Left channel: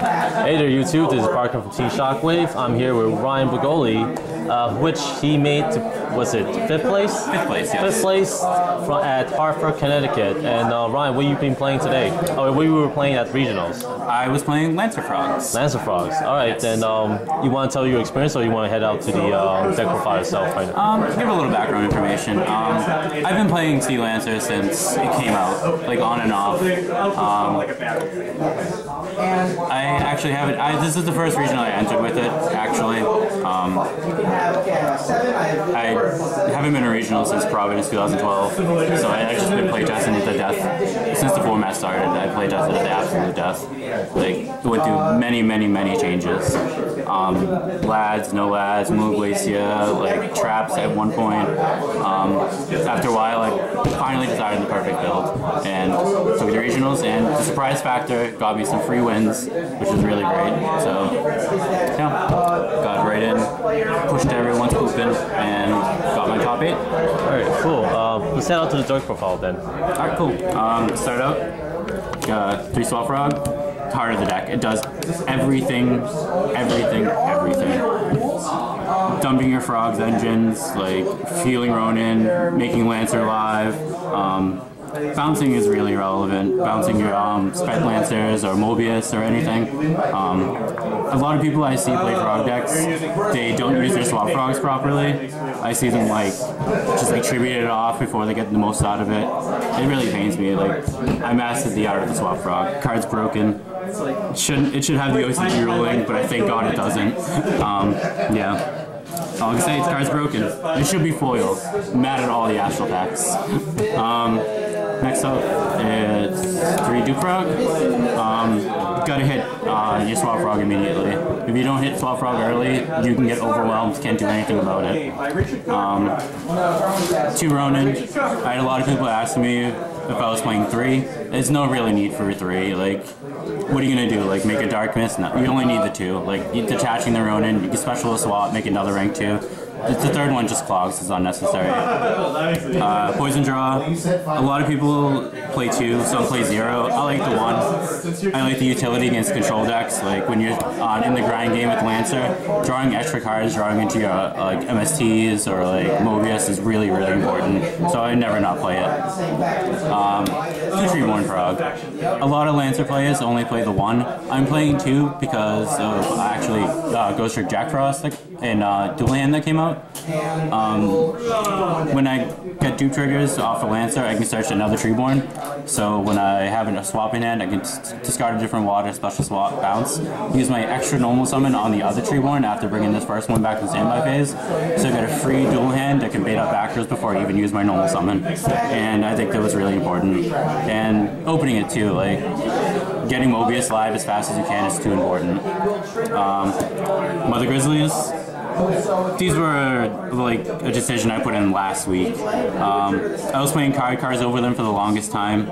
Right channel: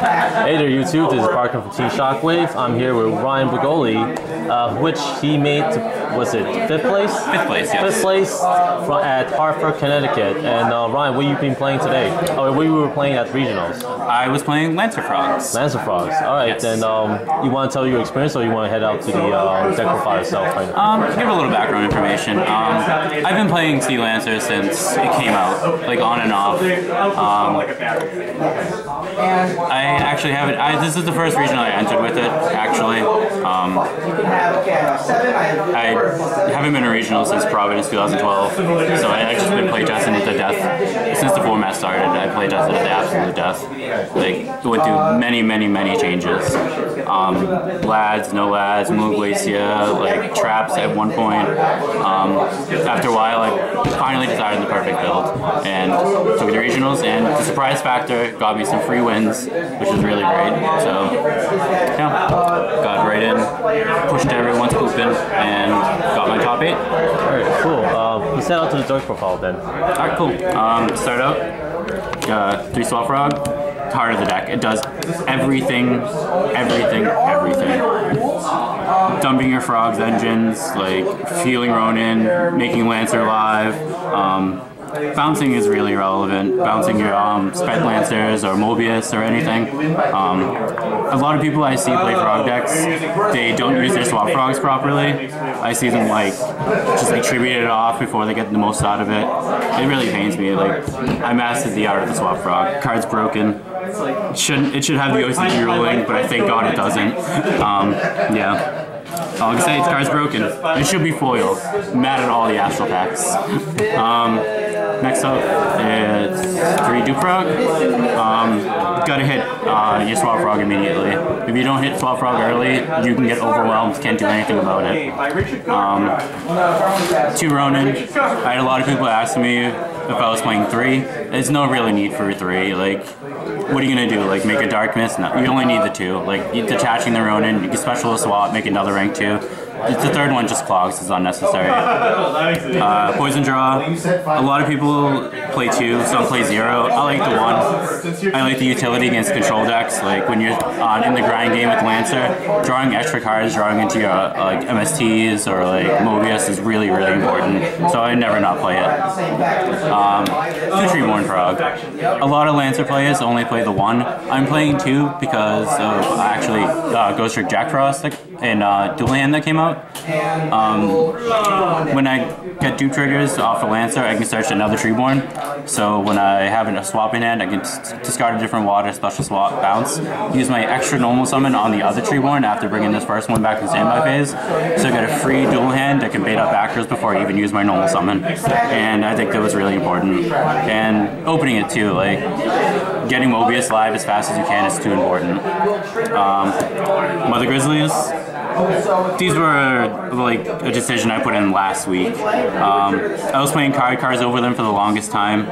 Hey there, YouTube. This is Parker from Team Shockwave. I'm here with Ryan Bugoli, which he made, was it fifth place? Fifth place, yes. Fifth place at Hartford, Connecticut. And Ryan, what have you been playing today? Oh, we were playing at regionals. I was playing Lancer Frogs. Lancer Frogs. All right, yes. Then you want to tell your experience, or you want to head out to the deck profile itself right now? Give a little background information. I've been playing Sea Lancer since it came out, like on and off. I actually haven't. This is the first regional I entered with it. Actually, I haven't been a regional since Providence 2012, so I just been playtesting it to death since the format started. I playtested it to absolute death. Like went through many changes. Lads, no lads, Moon Glacia, like traps at one point. After a while, I finally decided the perfect build and took the regionals, and the surprise factor got me some free wins, which was really great. So yeah, got right in, pushed everyone's pooping, and got my top 8. Alright, cool. Let's head out to the dark profile then. Alright, cool. Start out, 3 Swap Frog, heart of the deck. It does everything. Dumping your Frog's engines, like feeling Ronin, making Lancer live. Bouncing is really relevant. Bouncing your Spent Lancers or Mobius or anything. A lot of people I see play Frog decks, they don't use their Swap Frogs properly. I see them just tribute it off before they get the most out of it. It really pains me. Like, I mastered the art of the Swap Frog. Card's broken. It should have the OCG ruling, but I thank God it doesn't. Yeah. All I can say, its card's broken. It should be foiled. I'm mad at all the Astral packs. Next up, it's 3 Duke Frog. Gotta hit your Swap Frog immediately. If you don't hit Swap Frog early, you can get overwhelmed, can't do anything about it. 2 Ronin. I had a lot of people asking me if I was playing 3. There's no really need for 3. Like, what are you gonna do? Like, make a Dark Mist? No, you only need the 2. Like, detaching the Ronin, you can special swap, make another rank 2. The third one just clogs, it's unnecessary. Poison Draw. A lot of people play 2, some play 0. I like the 1. I like the utility against control decks. Like when you're in the grind game with Lancer, drawing extra cards, drawing into your like MSTs or like Mobius is really important. So I never not play it. 2 Treeborn Frog. A lot of Lancer players only play the 1. I'm playing 2 because of actually Ghost Trick Jack Frost and Dual Hand that came out. When I get dupe triggers off a Lancer, I can search another Treeborn. So when I have a swap in hand, I can discard a different water, special swap, bounce, use my extra normal summon on the other Treeborn after bringing this first one back in standby phase. So I got a free dual hand that can bait up backers before I even use my normal summon. And I think that was really important. And opening it too, like getting Mobius live as fast as you can is too important. Mother Grizzlies. These were like a decision I put in last week. I was playing cards over them for the longest time,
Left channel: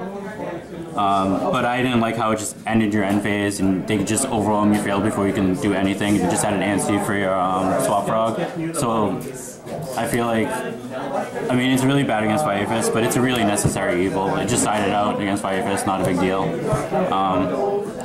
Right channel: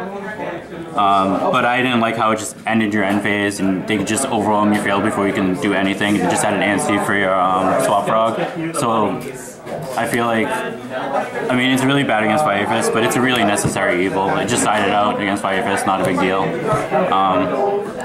but I didn't like how it just ended your end phase and they could just overwhelm your field before you can do anything. You just had an answer for your Swap Frog. So I feel like, I mean, it's really bad against Fire Fist, but it's a really necessary evil. It just sided out against Fire Fist, not a big deal.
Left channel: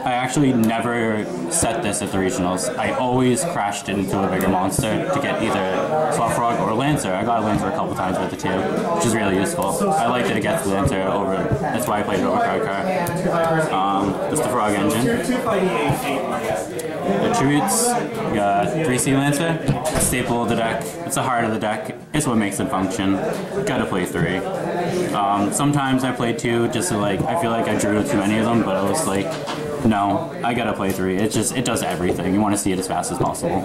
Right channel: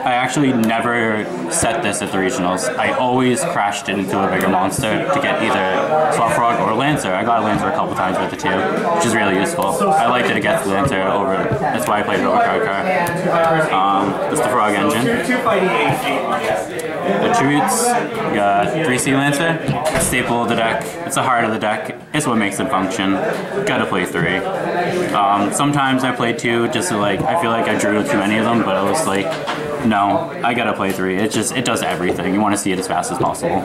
I actually never set this at the regionals. I always crashed it into a bigger monster to get either Swap Frog or Lancer. I got a Lancer a couple times with it too, which is really useful. I liked it against Lancer over, that's why I played it over Card. That's the Frog engine. Attributes, you got 3 Sea Lancer, staple of the deck. It's the heart of the deck. It's what makes it function. Gotta play 3. Sometimes I played 2 just to I feel like I drew too many of them, but I was like, no, I gotta play 3. It does everything. You want to see it as fast as possible.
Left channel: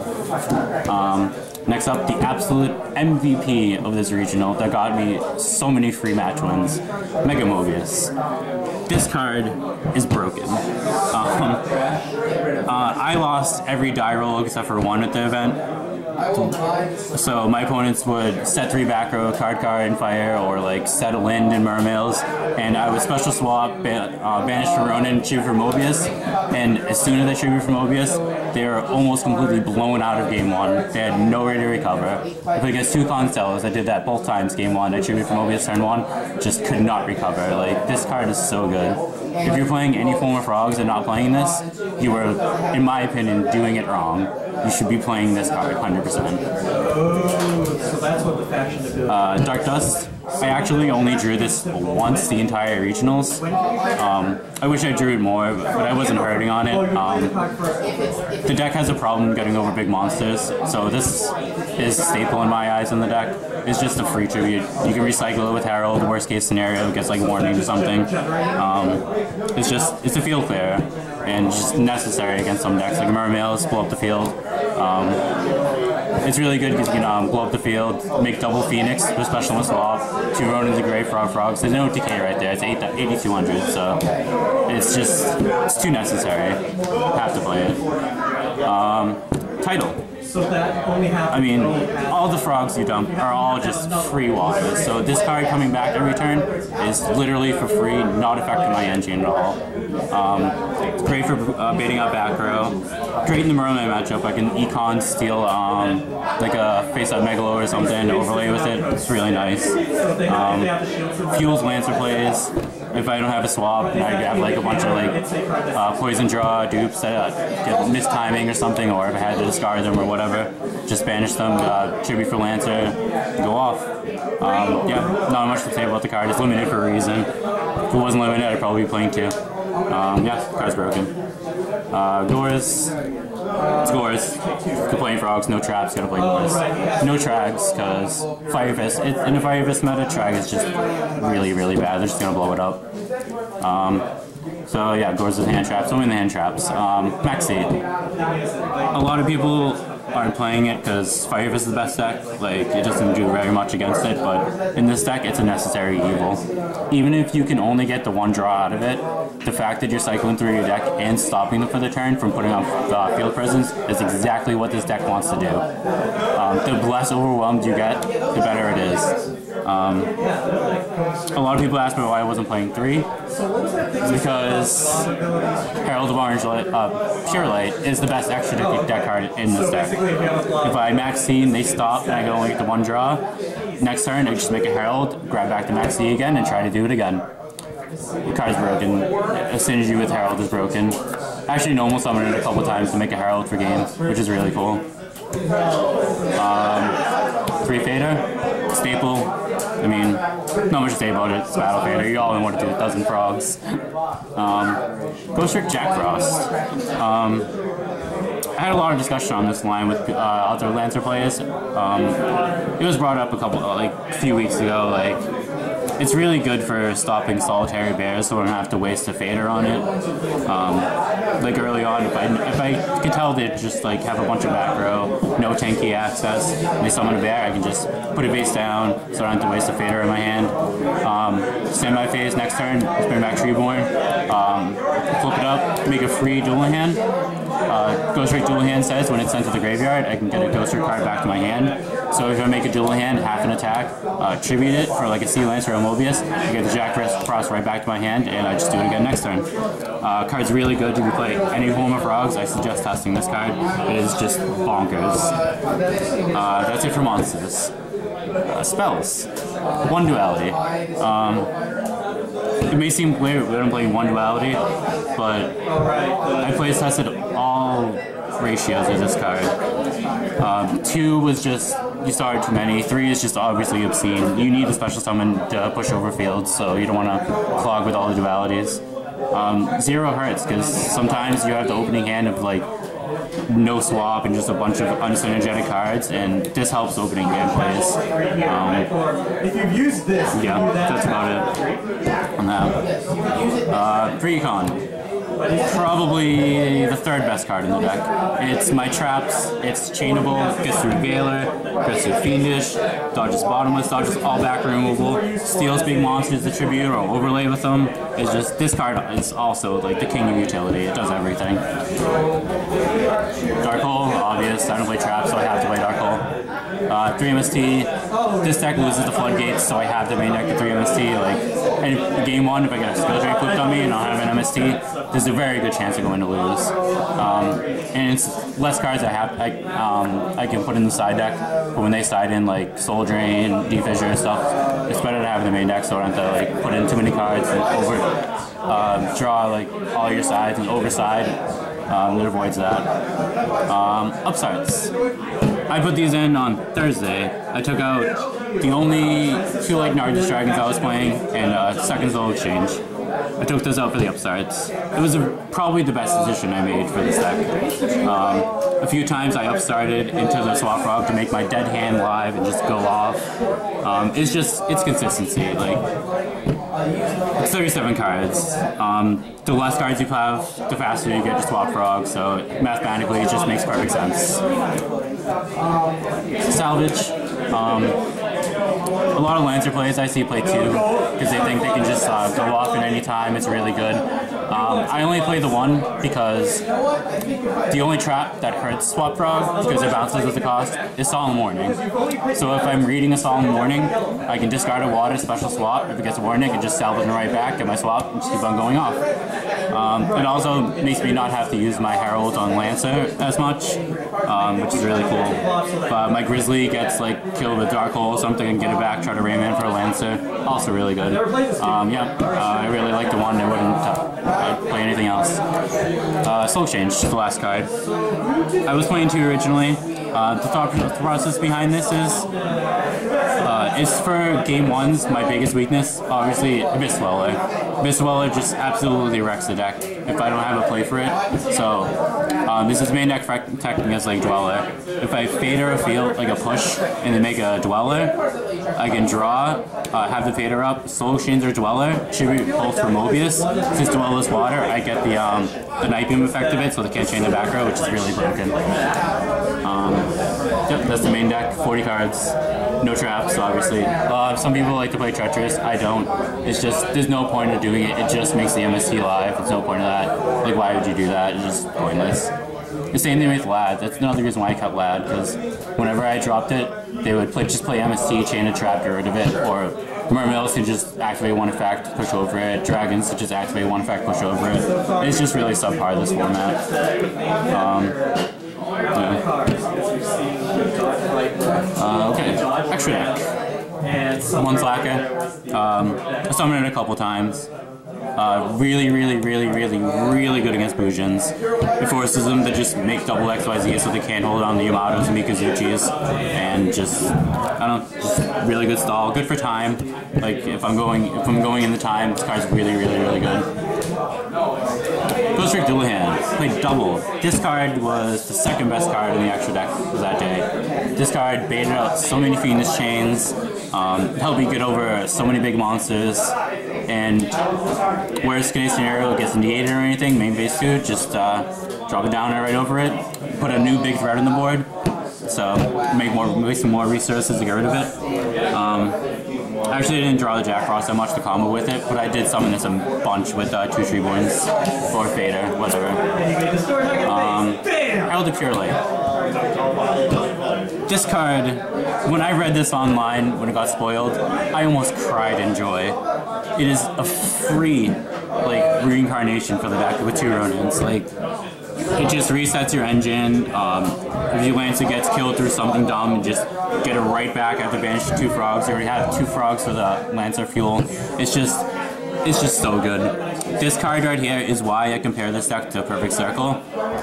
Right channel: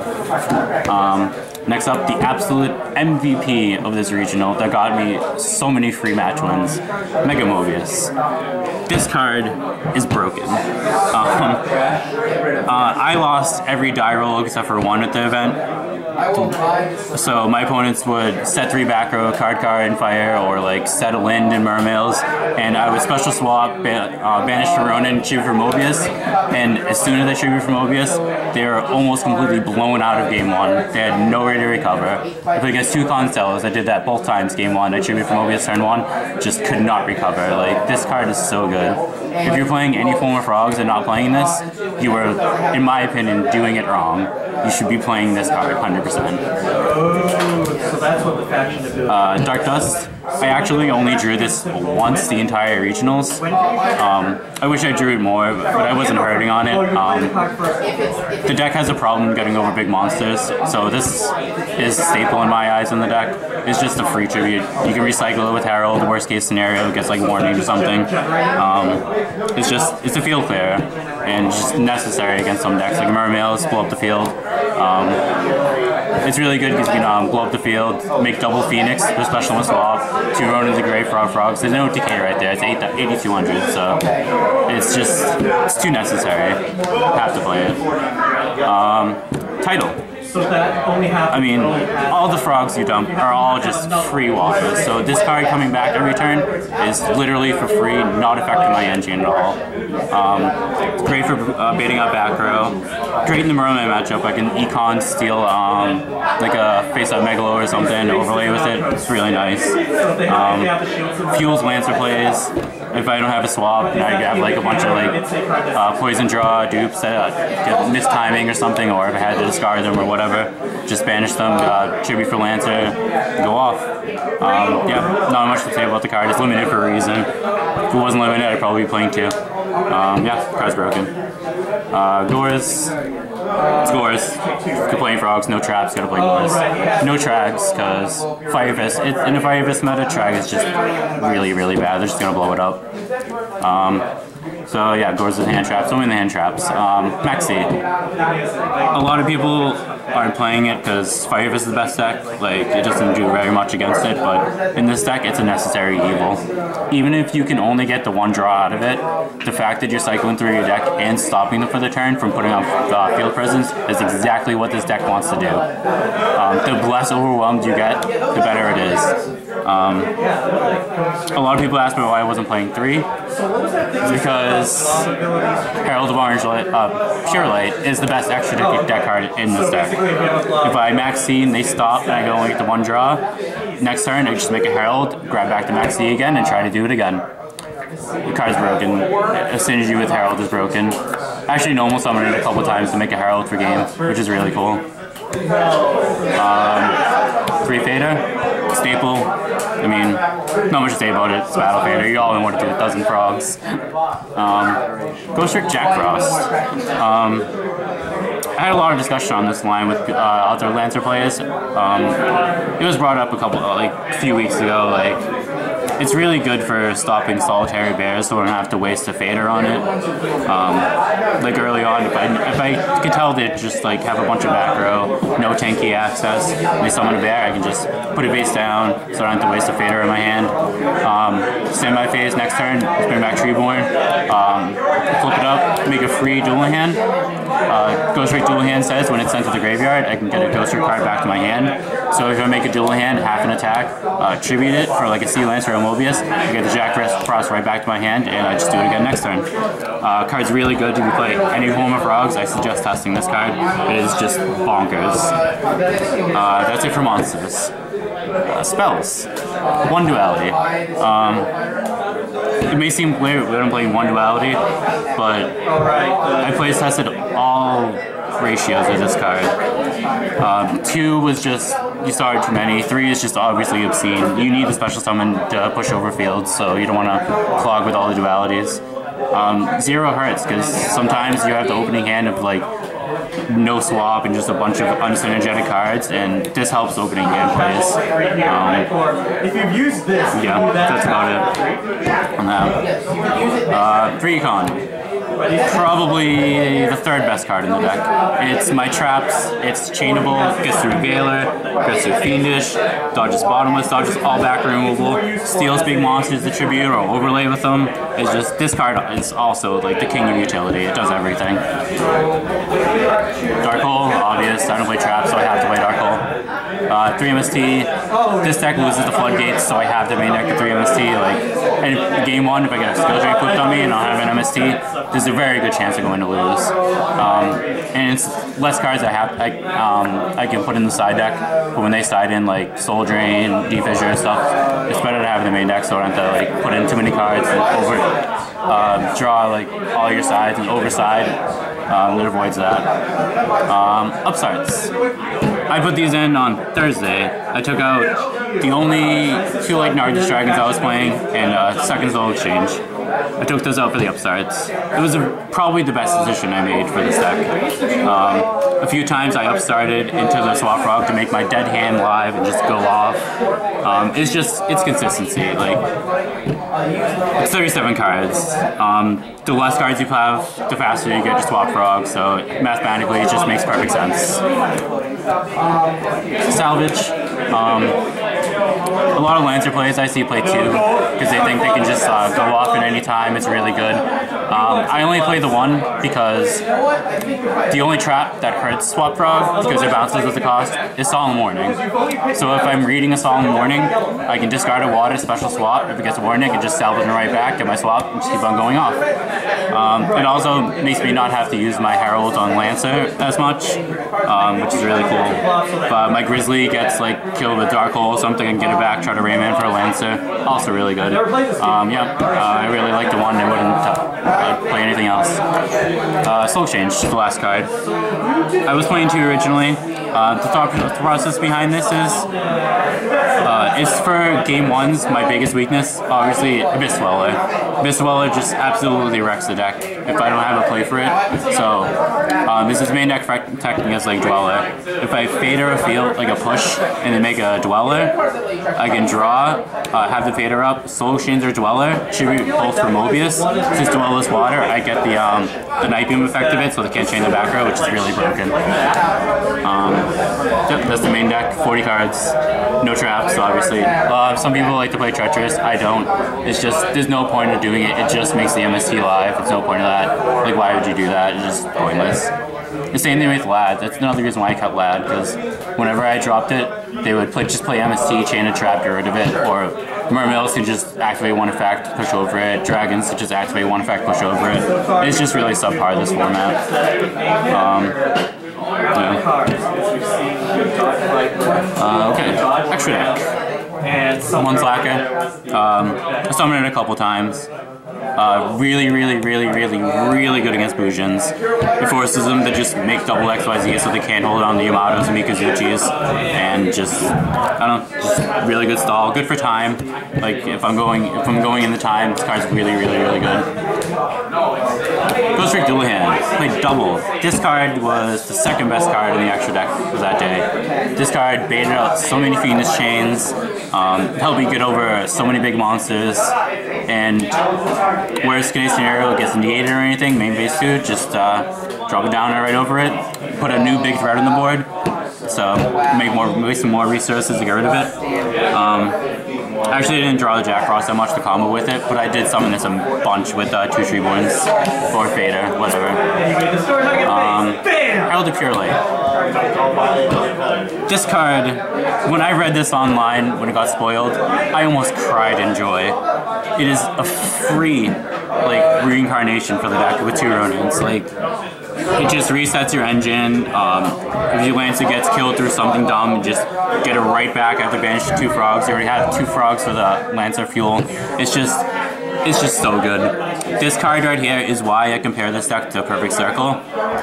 Next up, the absolute MVP of this regional that got me so many free match wins, Mega Mobius. This card is broken. I lost every die roll except for 1 at the event. So my opponents would set 3 back row, card and fire, or like set a Lind and Mermails, and I would special swap, banish for Ronin, tribute for Mobius, and as soon as I tribute for Mobius, they were almost completely blown out of game 1. They had no way to recover. I played against 2 Constellos, I did that both times game 1. I tribute for Mobius turn 1, just could not recover. Like, this card is so good. If you're playing any form of frogs and not playing this, you are, in my opinion, doing it wrong. You should be playing this card 100%. So that's what the faction is doing. Dark Dust. I actually only drew this once the entire regionals. I wish I drew it more, but I wasn't hurting on it. The deck has a problem getting over big monsters, so this is a staple in my eyes in the deck. It's just a free tribute. You can recycle it with Herald. The worst case scenario, it gets like warning or something. It's a field clear and just necessary against some decks like Mermails, blow up the field. It's really good because you can blow up the field, make double Phoenix with special and swap, 2 Ronins and Grey Frogs. There's no decay right there. It's 8,200, so it's too necessary. Have to play it. Title. So that only happens. I mean, all the frogs you dump are all just free water. So this card coming back every turn is literally for free, not affecting my engine at all. It's great for baiting out back row. Great in the Merman matchup. I can econ steal like a face-up Megalo or something, overlay with it. It's really nice. Fuels Lancer plays. If I don't have a swap, and I have like a bunch of like poison draw dupes that get mistiming or something, or if I had to discard them or whatever, just banish them, tribute for Lancer, go off. Yeah, not much to say about the card. It's limited for a reason. If it wasn't limited, I'd probably be playing 2. Yeah, card's broken. Gores. It's Gores. Could play frogs, no traps, gotta play Gores. No Trags, because Fire Fist. In a Fire Fist meta, Trag is just really, really bad. They're just gonna blow it up. So yeah, Gores with hand traps, only the hand traps. Maxi. A lot of people aren't playing it because Fire Fist is the best deck. Like, it doesn't do very much against it, but in this deck, it's a necessary evil. Even if you can only get the 1 draw out of it, the fact that you're cycling through your deck and stopping them for the turn from putting on field presence is exactly what this deck wants to do. The less overwhelmed you get, the better it is. A lot of people ask me why I wasn't playing 3. It's because Herald of Orange Light, Pure Light is the best extra deck card in this deck. If I max C and they stop and I go and get the 1 draw, next turn I just make a Herald, grab back to max C again, and try to do it again. The card's broken. A synergy with Herald is broken. I actually normal summoned it a couple times to make a Herald for game, which is really cool. 3 Fader, staple. I mean, not much to say about it. It's Battle Fader. You all know what to do with 1,000 frogs. Ghost Trick Jack Frost. I had a lot of discussion on this line with other Lancer players. It was brought up a few weeks ago. Like, it's really good for stopping solitary bears, so I don't have to waste a fader on it. Like early on, if I could tell they just like have a bunch of back row, no tanky access, and they summon a bear, I can just put it face down, so I don't have to waste a fader in my hand. Semi-phase next turn, just bring back Treeborn, flip it up, make a free dual hand. Ghost Trick Dual Hand says when it's sent to the graveyard, I can get a Ghost Trick card back to my hand. So if I make a dual hand, half an attack, tribute it for like a Sea Lancer or a Mobius, I get the Jack Frost right back to my hand, and I just do it again next turn. Card's really good to be playing any form of frogs. I suggest testing this card. It is just bonkers. That's it for monsters. Spells. 1 duality. It may seem weird when I'm playing 1 duality, but I plays tested all ratios of this card. 2 was just, you started too many. 3 is just obviously obscene. You need the special summon to push over fields, so you don't want to clog with all the dualities. 0 hurts, because sometimes you have the opening hand of like no swap and just a bunch of unsynergetic cards, and this helps opening hand plays. If you've used this, yeah, that's about it on that. 3 econ. probably the third best card in the deck. It's my traps, it's chainable, gets through Veiler, gets through Fiendish, dodges Bottomless, dodges all backer removal, steals big monsters to tribute or overlay with them. It's just, this card is also like the king of utility, it does everything. Dark Hole, obvious, I don't play traps so I have to play Dark Hole. 3 MST, this deck loses the floodgates so I have to main deck the 3 MST. Like, in game 1 if I get a skill tree flipped on me and I don't have an MST, there's a very good chance of going to lose. And it's less cards I can put in the side deck, but when they side in like Soul Drain, Defissure and stuff, it's better to have the main deck so I don't have to like put in too many cards and draw like all your sides and overside. It avoids that. Upstarts. I put these in on Thursday. I took out the only 2 like Nargis Dragons I was playing and Second Soul Exchange. I took those out for the upstarts. It was probably the best decision I made for this deck. A few times I upstarted into the Swap Frog to make my dead hand live and just go off. It's consistency. Like, it's 37 cards. The less cards you have, the faster you get to Swap Frog, so mathematically it just makes perfect sense. Salvage. A lot of Lancer plays I see play 2 because they think they can just go off at any time. It's really good. I only play the 1 because the only trap that hurts Swap Frog because it bounces with the cost is Solemn Warning. So if I'm reading a Solemn Warning, I can discard a water, special swap. If it gets a warning, I can just salvage it right back, get my swap, and just keep on going off. It also makes me not have to use my Herald on Lancer as much, which is really cool. But my Grizzly gets like killed with Dark Hole or something and get it back, try to Rayman for a Lancer. Also really good. I really like the 1. I wouldn't play anything else. Soul Exchange, the last card. I was playing 2 originally. The thought process behind this is it's for game 1's my biggest weakness, obviously Abyss Dweller. Abyss Dweller just absolutely wrecks the deck if I don't have a play for it. So this is main deck protecting as like Dweller. If I Fader a field, like a push, and then make a Dweller, I can draw, have the Fader up, Soul Exchange or Dweller, tribute both for Mobius. Since Dweller's water, I get the Night Beam effect of it, so they can't chain the back row, which is really broken. Yep, that's the main deck, 40 cards, no traps, obviously. Some people like to play Treacherous, I don't. It's just, there's no point of doing it, it just makes the MST live, there's no point of that. Like, why would you do that? It's just pointless. The same thing with Lad, that's another reason why I cut Lad, because whenever I dropped it, they would just play MST, chain a trap, get rid of it, or Mermills can just activate 1 effect, push over it, Dragons can just activate 1 effect, push over it. It's just really subpar, this format. Okay, extra deck. 1 Slacker. I summoned it a couple times. Really good against Bujins. It forces them to just make double XYZ so they can't hold on to Yamatos and Mikazuchis, and just, I don't know, just really good stall. Good for time. Like if I'm going in the time, this card's really good. Ghost Trick Dual Hand. Played double. This card was the 2nd best card in the extra deck for that day. This card baited out so many Fiendish Chains, helped me get over so many big monsters, and worst case scenario it gets negated or anything, main base 2, just drop it down right over it, put a new big threat on the board, so make some more resources to get rid of it. Actually, I didn't draw the Jack Frost that much to combo with it, but I did summon this a bunch with 2 Treeborns or Fader, whatever. Herald of Pure Light. This card, when I read this online when it got spoiled, I almost cried in joy. It is a free, like, reincarnation for the deck with 2 Ronins. Like, it just resets your engine. If your Lancer gets killed through something dumb, you just get it right back after banishing 2 frogs. You already have 2 frogs for the Lancer fuel. It's just so good. This card right here is why I compare this deck to Perfect Circle,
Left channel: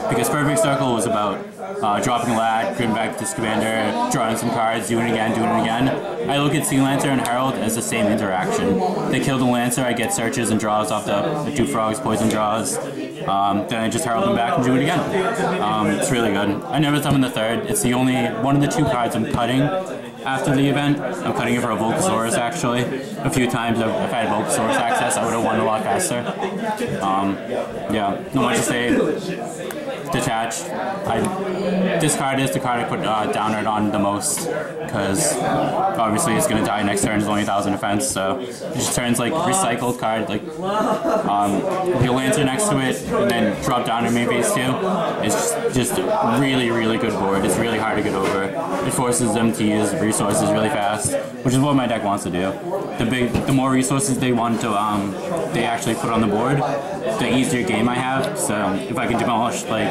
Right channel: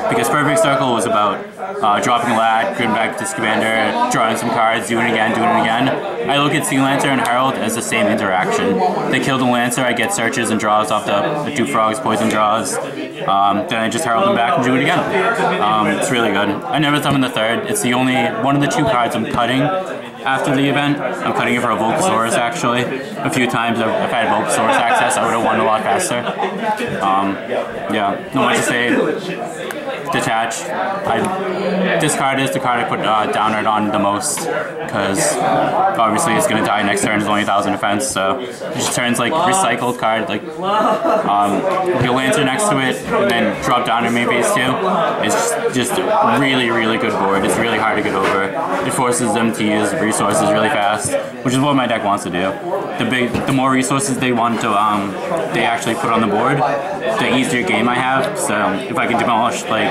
because Perfect Circle was about dropping a Lad, going back to Scamander, drawing some cards, doing it again. I look at Sea Lancer and Herald as the same interaction. They kill the Lancer, I get searches and draws off the 2 frogs, poison draws. Then I just Herald them back and do it again. It's really good. I never summon the 3rd. It's the only one of the 2 cards I'm cutting after the event. I'm cutting it for a Volcasaurus actually. A few times if I had Volcasaurus access, I would have won a lot faster. Yeah, not much to say. Detach. Discard is the card I put Downward on the most, because obviously it's going to die next turn. It's only 1,000 defense, so it just turns like recycled card, like your Lancer next to it, and then drop down to main phase 2. It's just a really, really good board. It's really hard to get over. It forces them to use resources really fast, which is what my deck wants to do. The more resources they want to they actually put on the board, the easier game I have. So if I can demolish like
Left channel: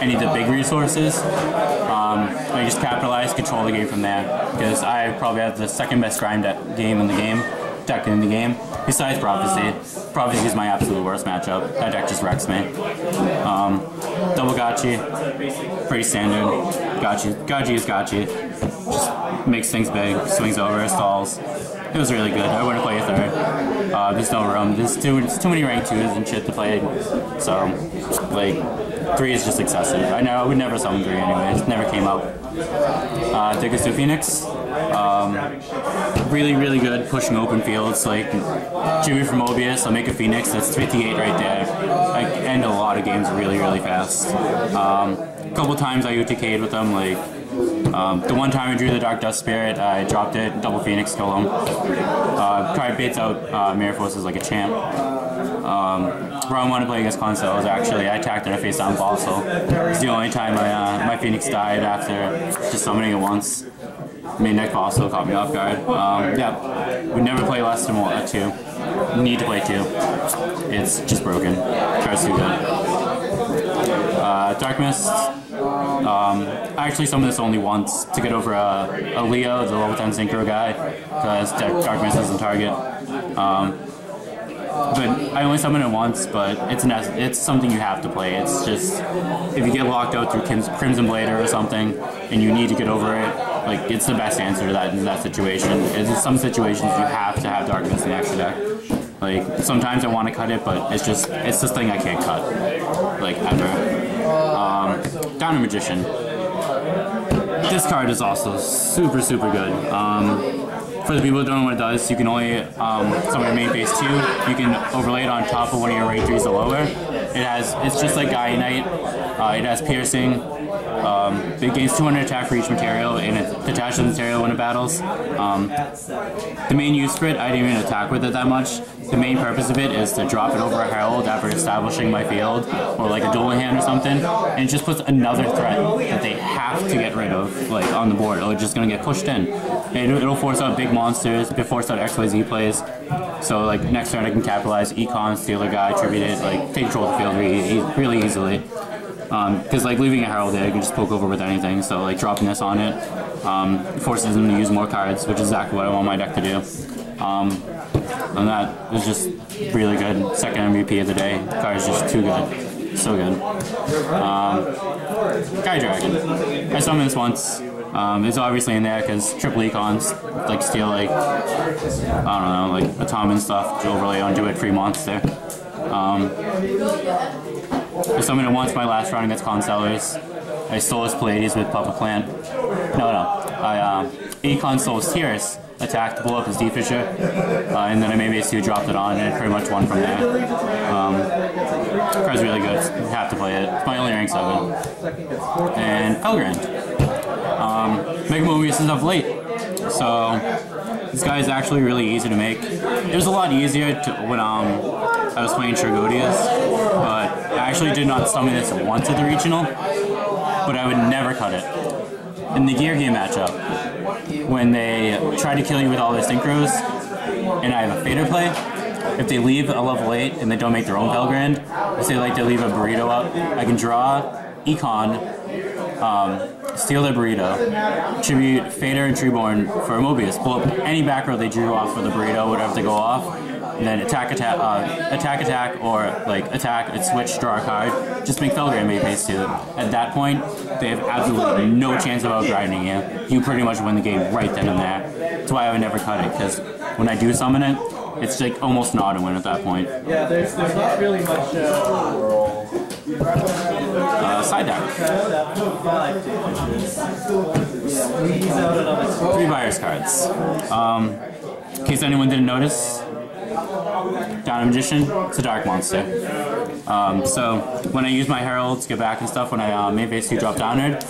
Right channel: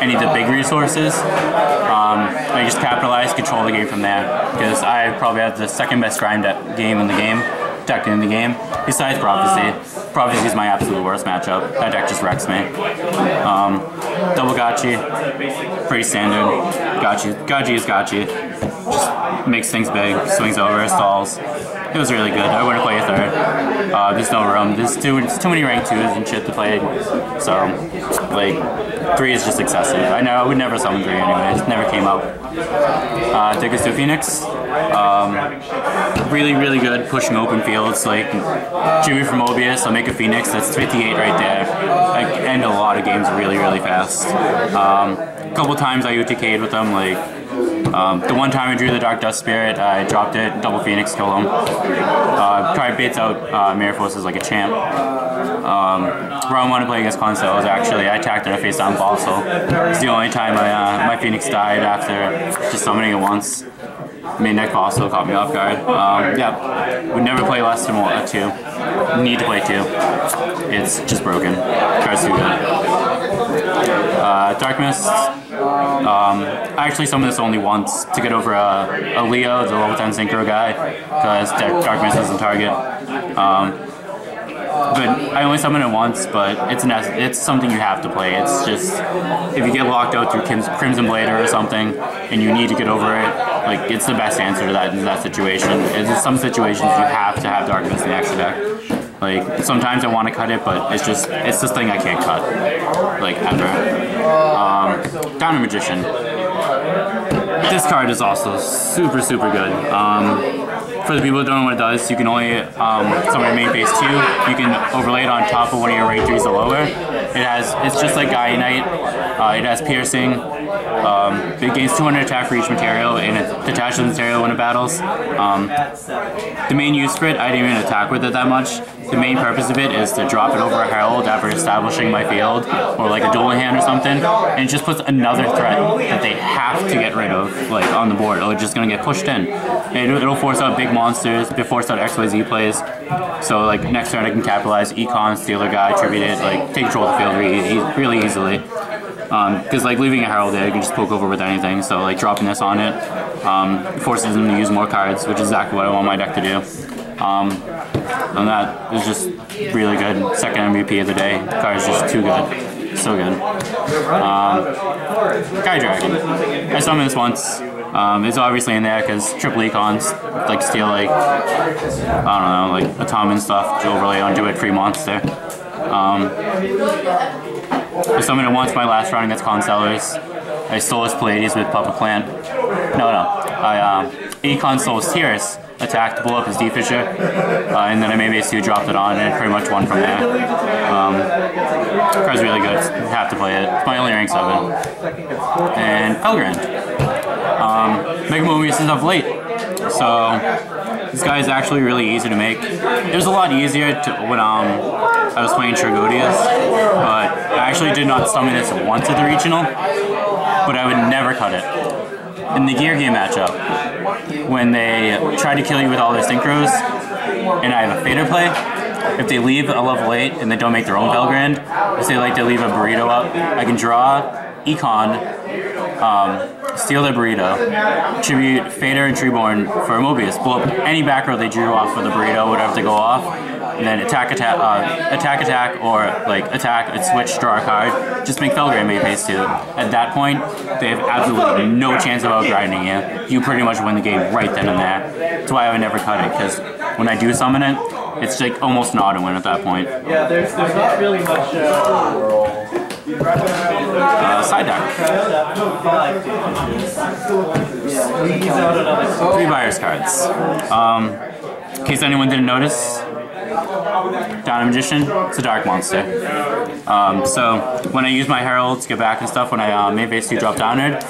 any of the big resources, I just capitalize, control the game from there. Because I probably have the second best grind game in the game, deck in the game, besides Prophecy. Prophecy is my absolute worst matchup. That deck just wrecks me. Double Gotchi, pretty standard. Gotchi is Gotchi. Just makes things big, swings over, stalls. It was really good. I wouldn't play a third. There's no room. There's too many rank 2s and shit to play. So, like, 3 is just excessive. I know I would never summon 3 anyways. It never came up. Dickastu Phoenix. Really, really good pushing open fields. Like, Jimmy from Mobius, I'll make a Phoenix. That's 58 right there. I end a lot of games really, really fast. A couple times I UTK'd with them, like, the one time I drew the Dark Dust Spirit, I dropped it, double Phoenix, kill him. Card baits out Mirror Forces like a champ. Round 1 to play against Conceals, actually, I attacked in a face down Fossil. It's the only time my Phoenix died after just summoning it once. Main deck Fossil caught me off guard. Yeah, would never play less than 2. Need to play 2. It's just broken. Card's too good. Dark Mist. I actually summoned this only once to get over a Leo, the level 10 Synchro guy, because Dark Mist isn't target. But I only summoned it once, but it's something you have to play. It's just, if you get locked out through Crimson Blader or something, and you need to get over it, like, it's the best answer to that situation. In some situations, you have to have Dark Mist in the extra deck. Like, sometimes I want to cut it, but it's this thing I can't cut, like, ever. Downer Magician. This card is also super, super good. For the people who don't know what it does, you can only summon main phase 2. You can overlay it on top of one of your rank 3s or lower. It's just like Gaia Knight. It has piercing. It gains 200 attack for each material, and it detaches the material when it battles. The main use for it, I didn't even attack with it that much. The main purpose of it is to drop it over a Herald after establishing my field, or like a dueling hand or something, and it just puts another threat that they have to get rid of, like, on the board, or it's just gonna get pushed in. And it'll force out big monsters, it'll force out XYZ plays. So, like, next turn I can capitalize Econ, Stealer Guy, Tribute it, like, take control of the field really easily. Because, like, leaving a Herald there, you can just poke over with anything, so, like, dropping this on it forces them to use more cards, which is exactly what I want my deck to do. And that is just really good. Second MVP of the day. The card is just too good. So good. Sky Dragon. I summoned this once. It's obviously in there because triple econs, like, steal, like, I don't know, like, Atomin stuff to overlay onto it, free monster. I summoned it once my last round against Consellers. I stole his Pallades with Puppet Plant. No. I econ stole his Tiras, attacked, blew up his D-Fisher, and then I made base 2, dropped it on, and it pretty much won from there. Card's really good. Have to play it. It's my only rank 7. And Felgrand. Mega Mobius is of late. So this guy is actually really easy to make. It was a lot easier when I was playing Trigodias, but I actually did not summon this once at the regional, but I would never cut it. In the Gear Game matchup, when they try to kill you with all their synchros, and I have a Fader play, if they leave a level 8 and they don't make their own Felgrand, if they like to leave a burrito up, I can draw Econ, steal their burrito, tribute Fader and Treeborn for Mobius, blow up any back row they drew off for the burrito, whatever they go off, and then attack, or like attack and switch, draw a card, just make Felgrand main phase 2. At that point, they have absolutely no chance of outgrinding you. You pretty much win the game right then and there. That's why I would never cut it, because when I do summon it, it's like almost an auto win at that point. Yeah, there's not really much. Side deck. 3 virus cards. In case anyone didn't notice, Down Magician, it's a dark monster. So when I use my Herald to get back and stuff, when I main phase 2 drop Downward,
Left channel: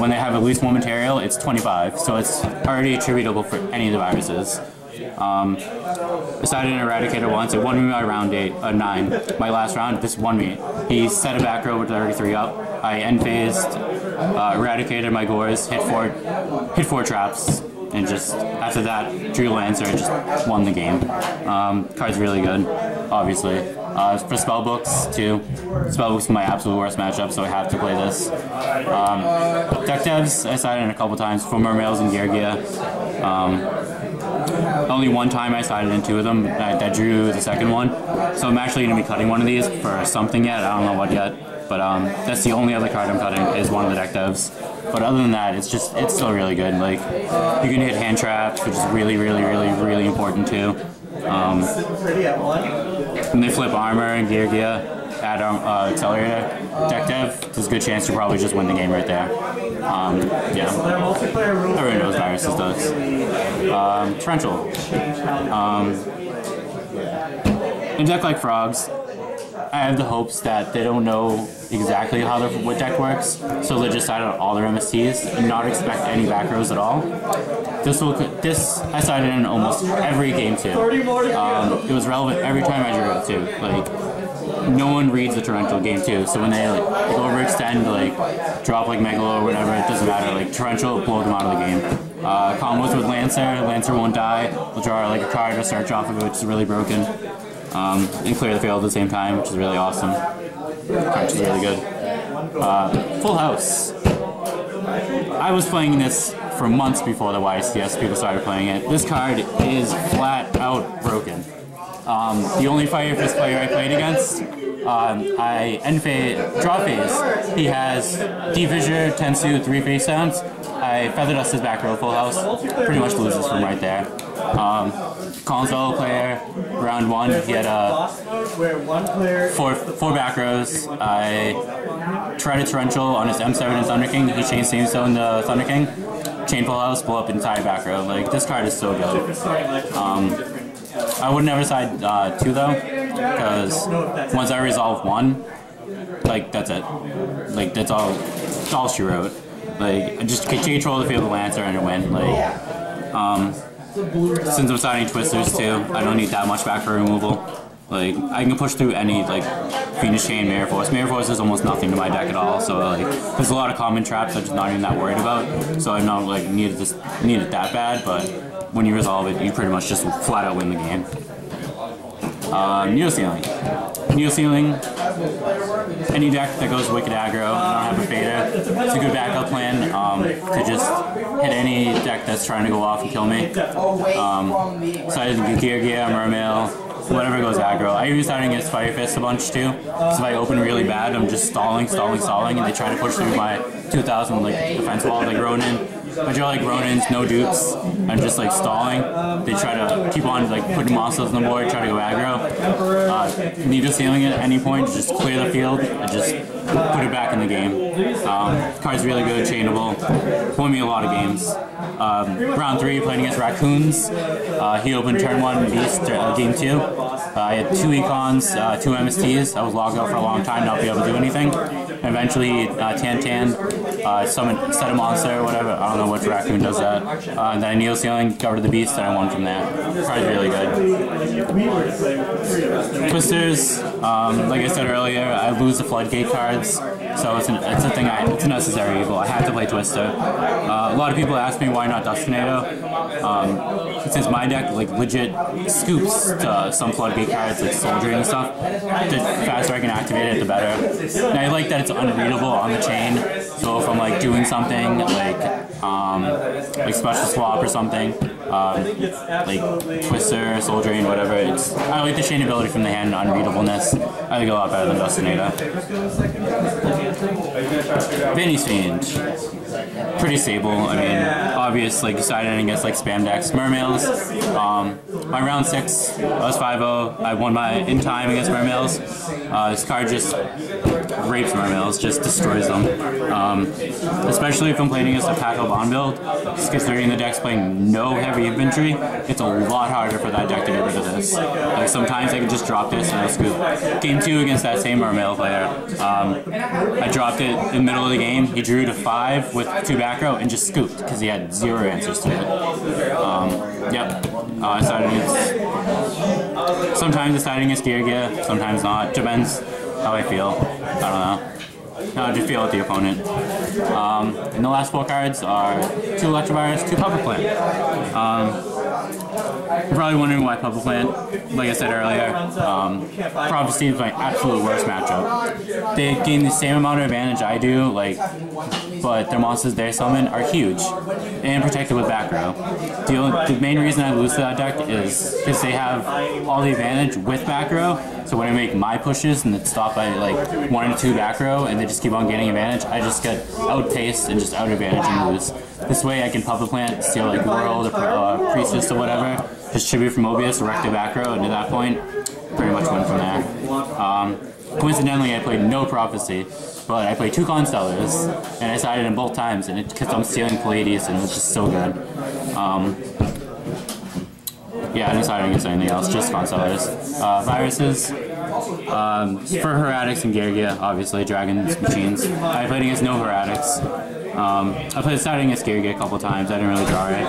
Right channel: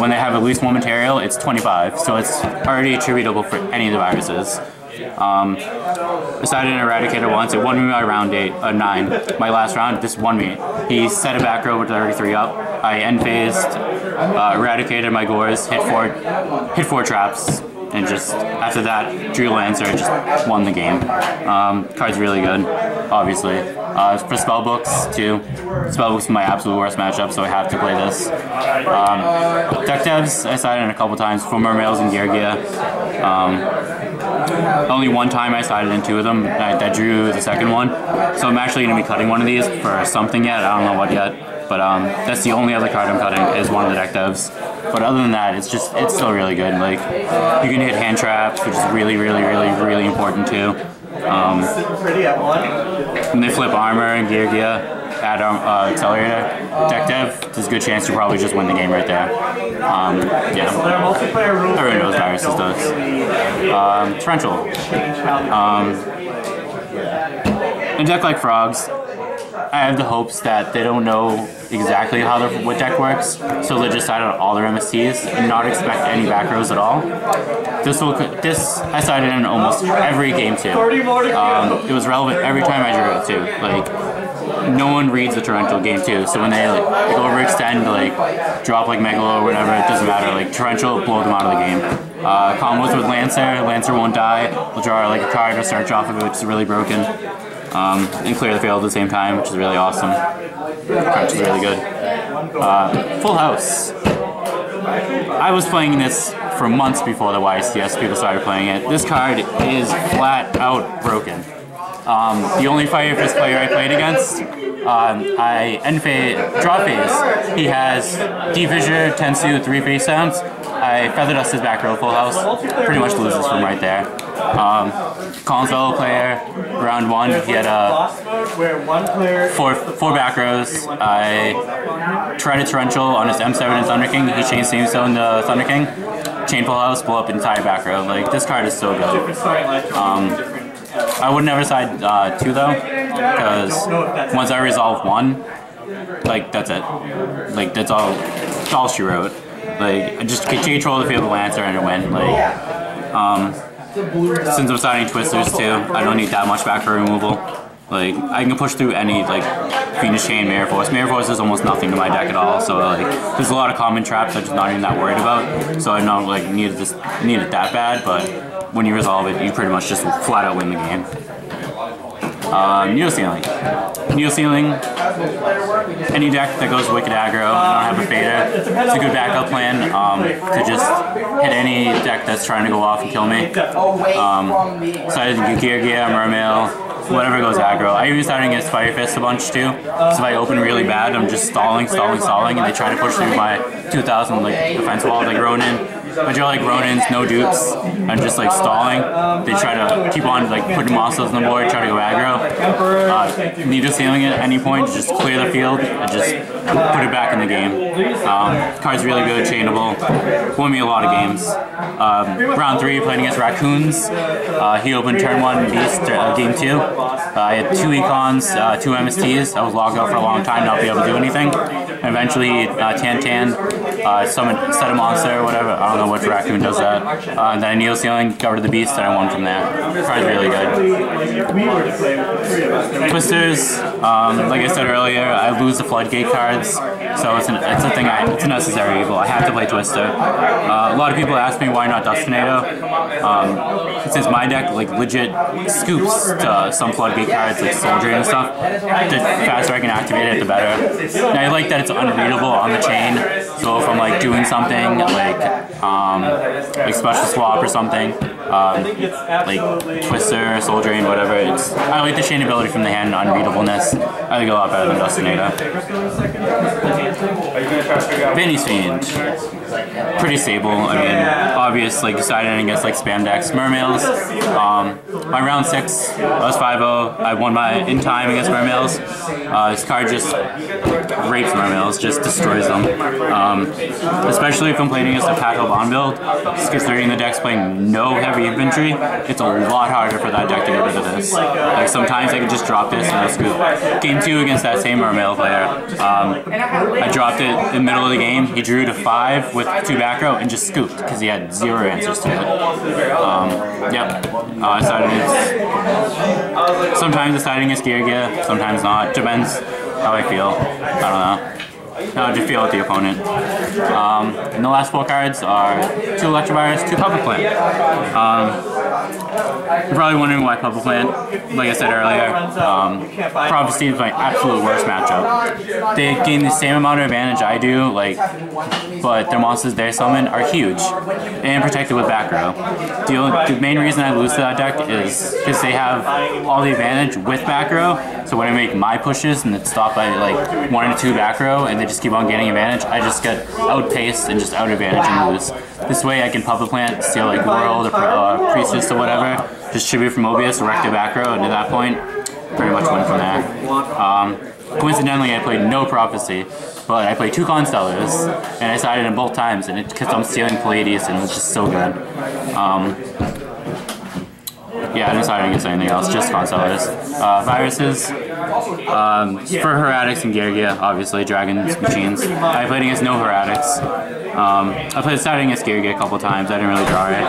when they have at least 1 material, it's 25, so it's already attributable for any of the viruses. Decided an Eradicator once, it won me my round 9. My last round, this won me. He set a back row with 33 up. I end phased, eradicated my Gores, hit four traps, and just after that, drew Lancer and just won the game. Card's really good, obviously. For spellbooks too. Spellbooks is my absolute worst matchup, so I have to play this. Deck devs, I sided in a couple times for Mermails and Geargia. Only one time I sided in 2 of them. I drew the second one, so I'm actually going to be cutting one of these for something yet. I don't know what yet, but that's the only other card I'm cutting is one of the deck devs. But other than that, it's still really good. Like, you can hit hand traps, which is really important too. When they flip armor and Geargia, add accelerator, deck dev, there's a good chance you probably just win the game right there. Yeah, everyone knows viruses does. Torrential. In a deck like Frogs, I have the hopes that they don't know exactly how what deck works, so they just side out all their MSTs and not expect any back rows at all. This I sided in almost every game too. It was relevant every time I drew it too. Like, no one reads the Torrential game too, so when they like overextend, like drop like Megalo or whatever, it doesn't matter. Like, Torrential blow them out of the game. Combos with Lancer won't die. We'll draw like a card or search off of it, which is really broken. And clear the field at the same time, which is really awesome. Crunch is really good. Full House. I was playing this for months before the YCS people started playing it. This card is flat out broken. The only Fire Fist player I played against, I end phase, draw phase. He has D-Fissure, Tensu, 3 face downs. I Feather Dust his back row Full House. Pretty much loses from right there. Collins fellow player, round 1, he had four back rows. I tried a Torrential on his M7 and Thunder King. He chained Samestone to Thunder King. Chain Full House, blow up entire back row. Like, this card is so good. I would never side 2 though, because once I resolve 1, like, that's it. Like, that's all she wrote. Like, I just take control of the field with Lancer and a win. Like, since I'm siding Twisters too, I don't need that much back row removal. Like, I can push through any, like, Phoenix Chain, Mirror Force. Mirror Force is almost nothing to my deck at all, so, like, there's a lot of common traps I'm just not even that worried about, so I don't, like, need it that bad, but when you resolve it, you pretty much just flat out win the game. Neo Ceiling. Neo Ceiling, any deck that goes Wicked Aggro and I don't have a Fader, it's a good backup plan to just hit any deck that's trying to go off and kill me. So I did Gear, Mermail, whatever goes aggro. I even started against Fire Fist a bunch too, because if I open really bad, I'm just stalling, and they try to push through my 2000 like defense wall, like Ronin. I draw like Ronins, no dupes. I'm just like stalling. They try to keep on like putting monsters on the board, try to go aggro. Need a ceiling at any point, just clear the field and just put it back in the game. Card's really good, chainable. Won me a lot of games. Round 3, playing against Raccoons. He opened turn 1 Beast, game 2. I had 2 Econs, 2 MSTs. I was logged out for a long time, not be able to do anything. And eventually, Tan, set a monster or whatever. I don't know which Raccoon does that. And then I Neo Ceiling, got rid of the Beast, and I won from that. Card's really good. Twisters, like I said earlier, I lose the Floodgate cards, so it's a necessary evil. I have to play Twister. A lot of people ask me why not Dust Tornado. Since my deck like legit scoops to some Floodgate cards like Soul Drain and stuff, the faster I can activate it, the better. And I like that it's unreadable on the chain, so if I'm like doing something like special swap or something, like Twister, Soul Drain, whatever, I like the chain ability from the hand and unreadableness. I think a lot better than Dust Tornado. Vinny's Fiend. Pretty stable. I mean, obvious, like deciding against like spam decks. Mermails. My round 6, I was 5-0. I won my in time against Mermails. This card just rapes Marmels, just destroys them. Especially if I'm playing against a Paco Bond build, just considering the deck's playing no heavy infantry, it's a lot harder for that deck to get rid of this. Like sometimes I can just drop this and I'll scoop. Game 2 against that same Marmel player, I dropped it in the middle of the game. He drew to 5 with 2 back row and just scooped because he had 0 answers to it. Yep. Sometimes deciding against Gear, sometimes not. Depends how I feel. I don't know. How did you feel with the opponent? And the last 4 cards are 2 Electrovirus, 2 Puppet Plant. You're probably wondering why Puppet Plant. Like I said earlier, Prophecy is my absolute worst matchup. They gain the same amount of advantage I do, but their monsters they summon are huge and protected with back row. The main reason I lose to that deck is because they have all the advantage with back row. So when I make my pushes and it's stopped by like 1 or 2 back row and they just keep on gaining advantage, I just get outpaced and just out advantage and lose. This way I can Puppet Plant, steal like World or Priestess or whatever, just tribute from Mobius, wreck the back row, and at that point, pretty much win from there. Coincidentally, I played no Prophecy, but I played 2 Constellars, and I sided in both times, and it because I'm stealing Pleiades, and it was just so good. Yeah, I decided against anything else, just Constellars. Viruses, for Heretics and Geargia, obviously, Dragons, Machines. I played against no Heretics. I played starting against Geargia a couple times, I didn't really draw it.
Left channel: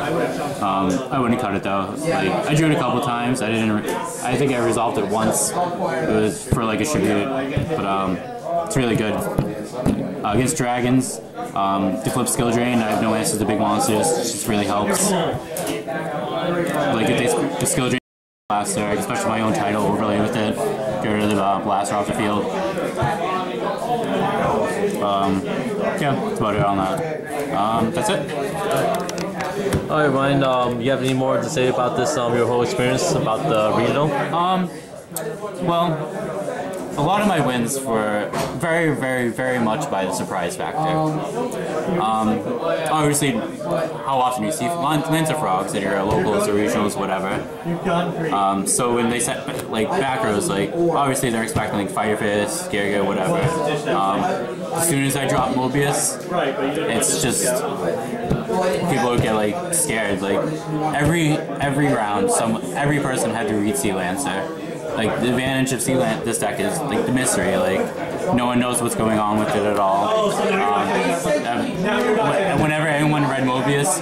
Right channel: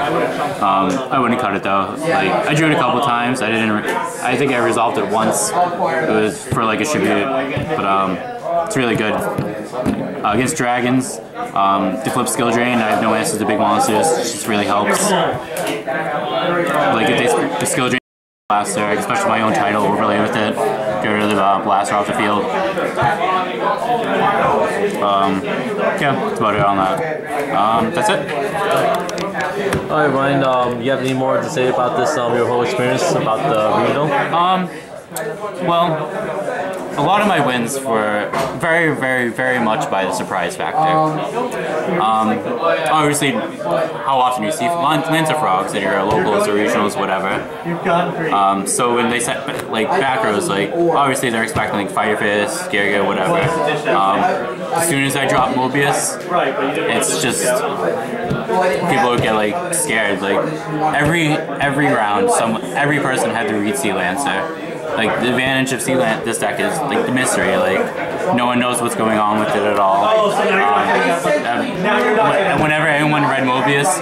I wouldn't cut it though. Like, I drew it a couple times, I think I resolved it once. It was for like a tribute, but it's really good. Against Dragons, the flip skill drain, I have no answers to big monsters, it just really helps. Like if the skill drain blaster, I can special my own title, overlay with it, get rid of the blaster off the field. Yeah, that's about it on that. That's it. Alright, Ryan, you have any more to say about this, your whole experience about the regional? Well, a lot of my wins were very, very, very much by the surprise factor. Obviously, how often you see Lancer Frogs at your locals or regionals, whatever. So when they set like back rows, like obviously they're expecting like Fire Fist, Geargia, whatever. As soon as I drop Mobius, it's just people would get like scared. Like every round, every person had to read Sea Lancer. Like the advantage of this deck is like the mystery. Like no one knows what's going on with it at all. Whenever anyone read Mobius,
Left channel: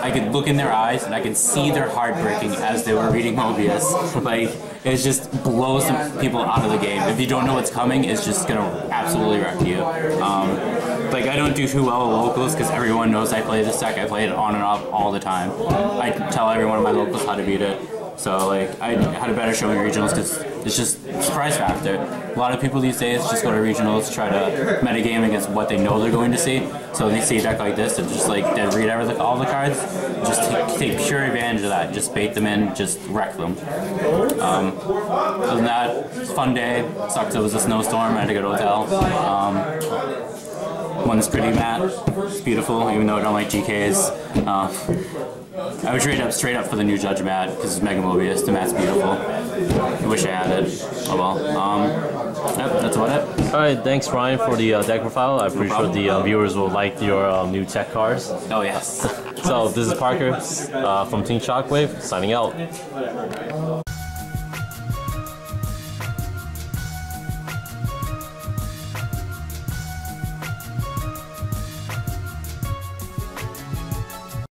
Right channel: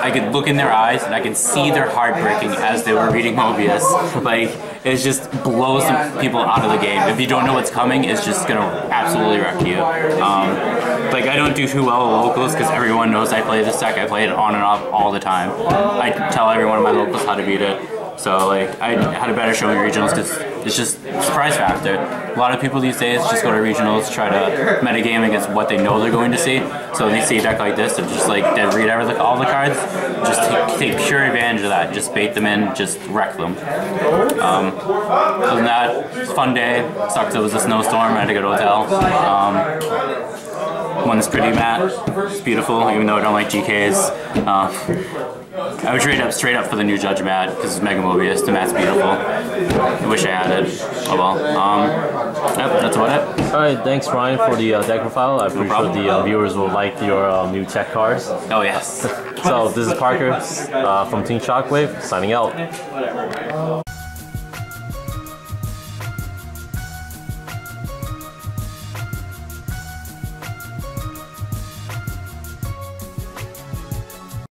I could look in their eyes and I could see their heart breaking as they were reading Mobius. Like it just blows some people out of the game. If you don't know what's coming, it's just gonna absolutely wreck you. Like I don't do too well at locals because everyone knows I play this deck. I play it on and off all the time. I tell every one of my locals how to beat it. So like I had a better showing regionals because it's just surprise factor. A lot of people these days just go to regionals, try to metagame against what they know they're going to see. So they see a deck like this, and just like they read all the cards, just take pure advantage of that. Just bait them in, just wreck them. Other than that, it's a fun day. Sucks it was a snowstorm. I had to go to a hotel. One's pretty matte. It's beautiful, even though I don't like GKs. I would trade up straight up for the new Judge mat because it's Mega Mobius. The mat's beautiful. I wish I had it. Oh well. Yep, that's about it. Alright, thanks Ryan for the deck profile. I'm pretty sure the viewers will like your new tech cards. Oh yes. So this is Parker from Team Shockwave signing out.